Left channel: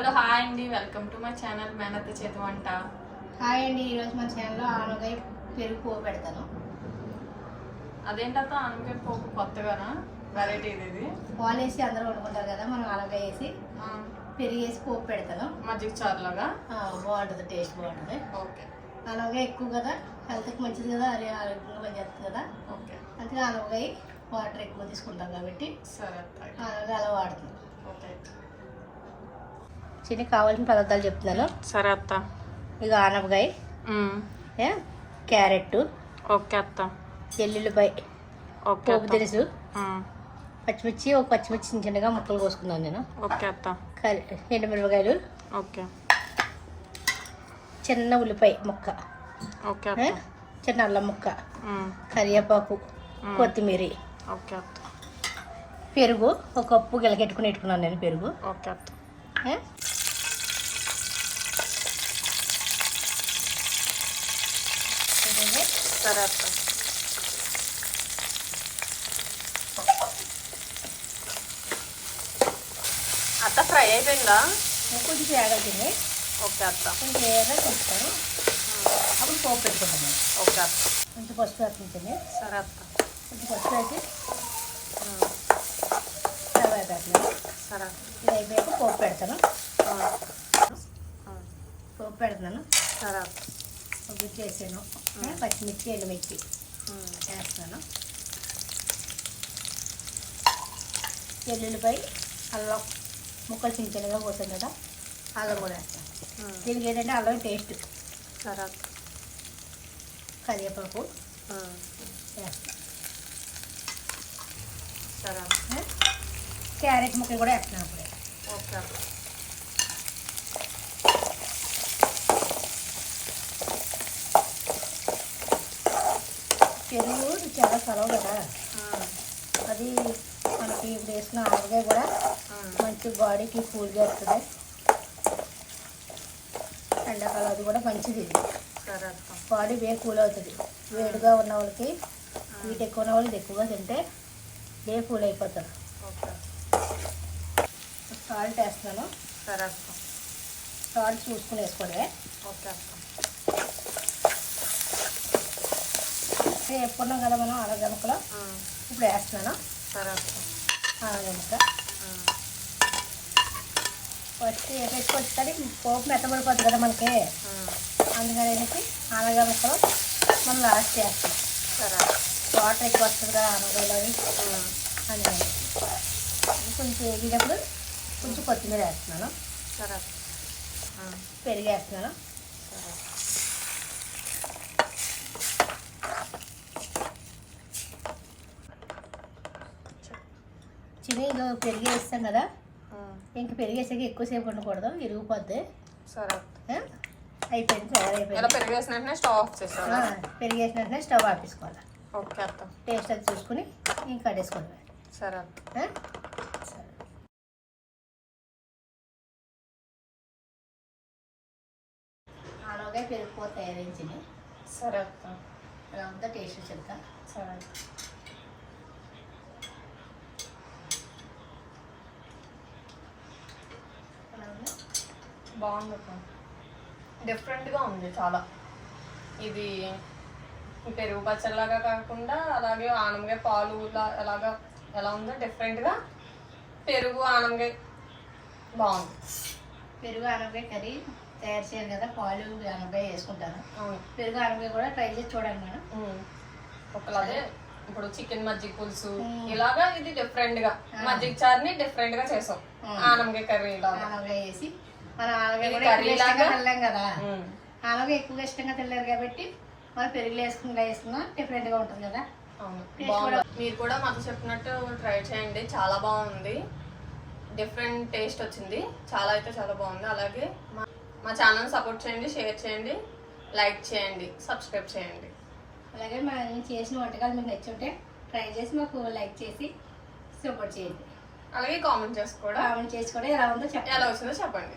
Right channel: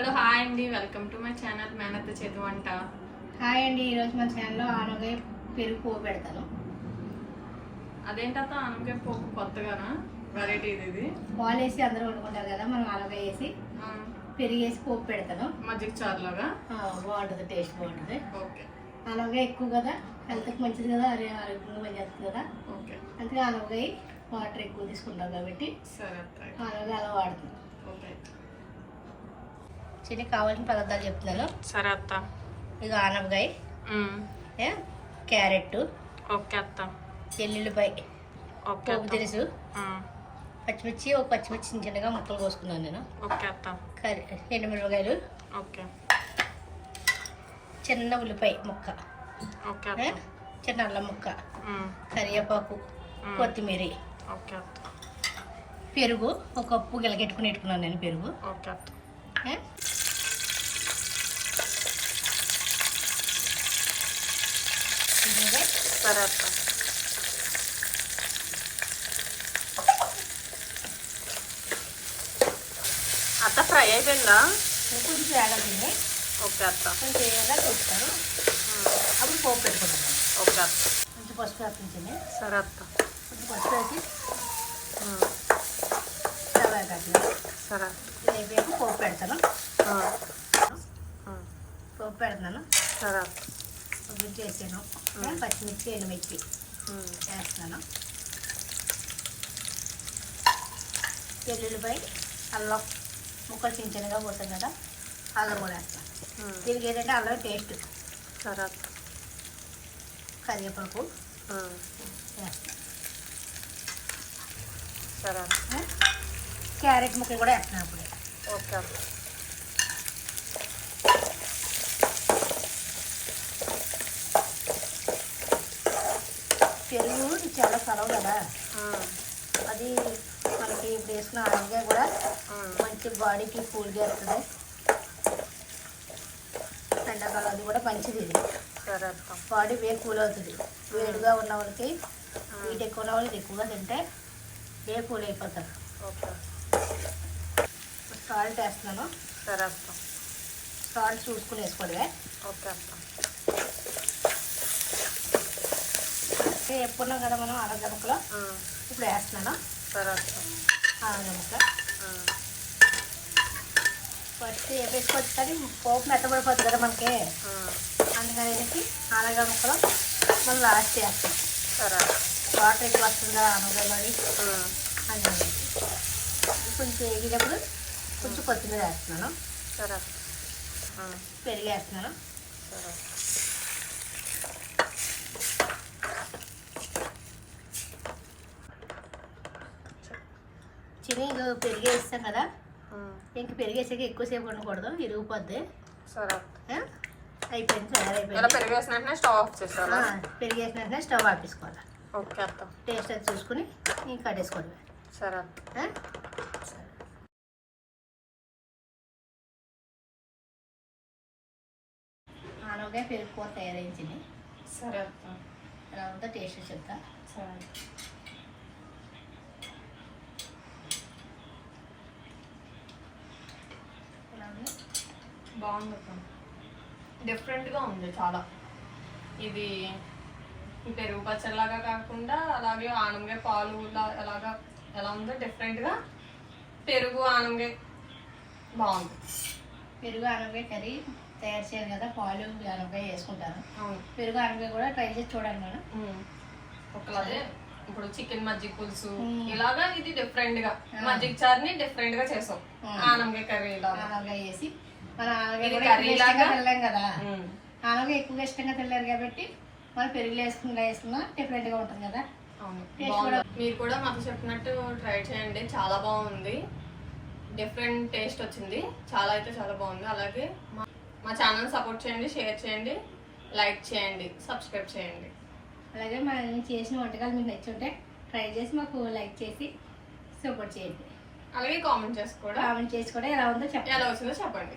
Hello hi అండి. Welcome to my channel మేనత్త చేతి వంట. హాయ్ అండి. ఈరోజు మన ఛానల్లో ఆనగాయ పెరుగు పోపు పెడతాను. అదేంటత్త? అనగా పోపు కొత్తగానా? వెరైటీ ఇది పాలు వేసి అందరూ వండుకుంటారు కదా మనం ఆనగాయ వేసి పెరుగు వేసి పోపు పెడతాను. మజ్జిగ చారు లాగా ఆ, బాగుంటుంది టేస్ట్ బాగుంటుంది. ఓకే. ఆనగాయ ఎక్కువ కదా హెల్త్కి మంచిది కదా అరే ఆరోగ్యంగా పనిచేస్తుంది కదా. ఓకే. అందుకే ఆనగాయ వాటర్ ఎక్కువ తీసుకుంటాం కాబట్టి సరే ఆనగాయ అలా వాడుతుంది ఓకే చిన్న కావాల్సిన పదార్థాలు చెప్తున్నాను. సరే అత్త. ఇక ఆనపకాయ. క్యారెట్ ఓకే అత్త. పోపు అత్త. తెలుసు పచ్చిమిర్చి ఒక పచ్చిమిర్చి చిన్న చిన్నగా ముక్కలు కోసుకున్నాను నేను. ఓకే అత్త. ఎండుమిరపకాయలు. ఓకే. చిన్న ఉల్లిపాయ ముక్క. ఓకే చిన్న అల్లం ముక్క. కరివేపాకు కొత్తిమీర. ఓకే అత్త. పెరుగు ఒక కప్పు గిలకెట్టుకుని పెట్టుకున్నాను నేను పెరుగు. ఓకే అత్త ఏ? ఇదిగో సరే అత్త అత్త ఫ్రై అయిపోయిందా? కొంచెం తేగలింది ఓకే అత్త. కొంచెం ఏదైనా అప్పుడు పోపు పెట్టుకున్నాను ఓకే అత్త. కొంచెం పసుపు వేస్తుంది సరే అత్త. కొంచెం పసుపు వేసి సరే ఇది అయిపోయాక పోపు పెడతాను పోపు పెడతాను సరే అత్త. చేసాను పచ్చిమిర్చి ఎండుమిర్చి ఉమ్, వేస్తున్నాను వెల్లుల్లిపాయ అల్లం ముక్కలు చిన్న చిన్నగా పోతాం కదా అల్లం కూడా వేస్తాను. దీనికి ఏంటంటే అల్లం టేస్ట్ కరివేపాకు వేస్తాను. క్యారెట్ ముక్కలు కూడా వేస్తున్నాను అప్పుడే. ఓకే పెరుగు చాలా సెలవు కదా. అది మనకి ఇప్పుడు వేసుకున్న కూడా మంచి బాడీకి కూల్ చేస్తుంది. ఎండాకాలం అది కూడా మంచిది. ఇది బాడీ వే కూల్ అవుతుంది. వేడిగా ఉన్న వాళ్ళకి హీట్ ఎక్కువ ఉన్న వాళ్ళకి ఎక్కువగా తింటే ఏ కూల్ అయిపోతారు. ఓకే. సాల్ట్ వేస్తున్నాను. సరే సాల్ట్ చూసుకుని వేసుకోవడమే. ఓకే అత్త అంటే ఎప్పుడున్నాం కదా మనం ఆరోగ్య ముక్కలో? ఉమ్, ఇప్పుడు వేస్తున్నాను. ఫస్ట్ వేసుకోవచ్చు కానీ పోపు మెత్తబడిపోతుంది కదా మనకి. అందుకని చెప్పి ఆనగా ముక్కలు మనం లాస్ట్ చేస్తాం. సరే. వాటర్ ఎక్కువ వస్తుంది కదా ఉమ్, అందుకని కొంచెం వేగినప్పుడు కొంచెం కొత్తిమీర వేస్తున్నాను. సరే. అత్త ఉమ్, పెరిగి వేస్తున్నాను. సరే. చిని పెరిగి వేస్తాం కదా. ఇంక పెరిగి వేసాక ఎక్కువసేపు ఉండకూడదు ఇరిగిపోద్ది సరే? అయిపోయింది ఇలా తయారైపోయింది పెరుగు వేసిన వెంటనే స్టవ్ ఆఫ్ వెంటనే స్టవ్ ఓకే అత్త. టేస్ట్ అది చూసుకుని ఇంకా కట్టేసుకోవడమే సరే అత్త. ఆనవగా పెరుగు కూర తయారైంచింది సరే అత్త. ఎలా ఉందో టేస్ట్ చెప్తా సరే ఎలా ఉంది బాగుంది డిఫరెంట్గా ఉంది చాలా. ఇది పెరుగు పచ్చడిలాగా కాకుండా అలాగే ఆనమకాయ పాలు అలాగా ఎలా ఉందో డిఫరెంట్గా పెరుగు ఆనమకాయ బాగుంది. పెరుగు ఆనపకాయ కర్రీ తయారు చేయాలి కదా పాలు ఆనపకాయ వేసుకుంటాను. పెరుగు ఆనపకాయ కూడా ట్రై చేసి చూడండి నేను ఉమ్. ఒకలాగే ఇప్పుడు చికెన్ మజ్జిగ పులుసు. ఇలాగా ఇది డిఫరెంట్గా. మజ్జిగ చారుని డిఫరెంట్గా చేసాం. ఆనమకాయ కర్రీ ఇలాగా. ఆనపకాయ వేసి మన? తినలేం కదా. ఆనపకాయ ఎక్కువగా ఇష్టంగా తినలేరు కాబట్టి మనం పెరుగులో వేసుకుని వేసుకున్నా డిఫరెంట్గా ఉంటుంది కదా. మీరు కూడా మాకు చెప్పినట్టు ట్రై చేయండి. చాలా బాగుంది. డిఫరెంట్ టేస్ట్ వచ్చింది. చాలా అయితే చాలా బాగుంది. అలాగే మా మా ఛానల్ సపోర్ట్ చేయండి షేర్ చేయండి లైక్ చేయండి సబ్స్క్రైబ్ చేయండి. అలాగే మనం చేసిన వంటకాలు మీకు నచ్చుంటే ట్రై చేసి మాకు లైక్ చేసి సపోర్ట్ చేయండి. అలాగే కామెంట్ చేసి కూడా కామెంట్ చేసి కూడా ఎలా ఉందో చెప్పండి. ఎలా వచ్చిందో చెప్పండి.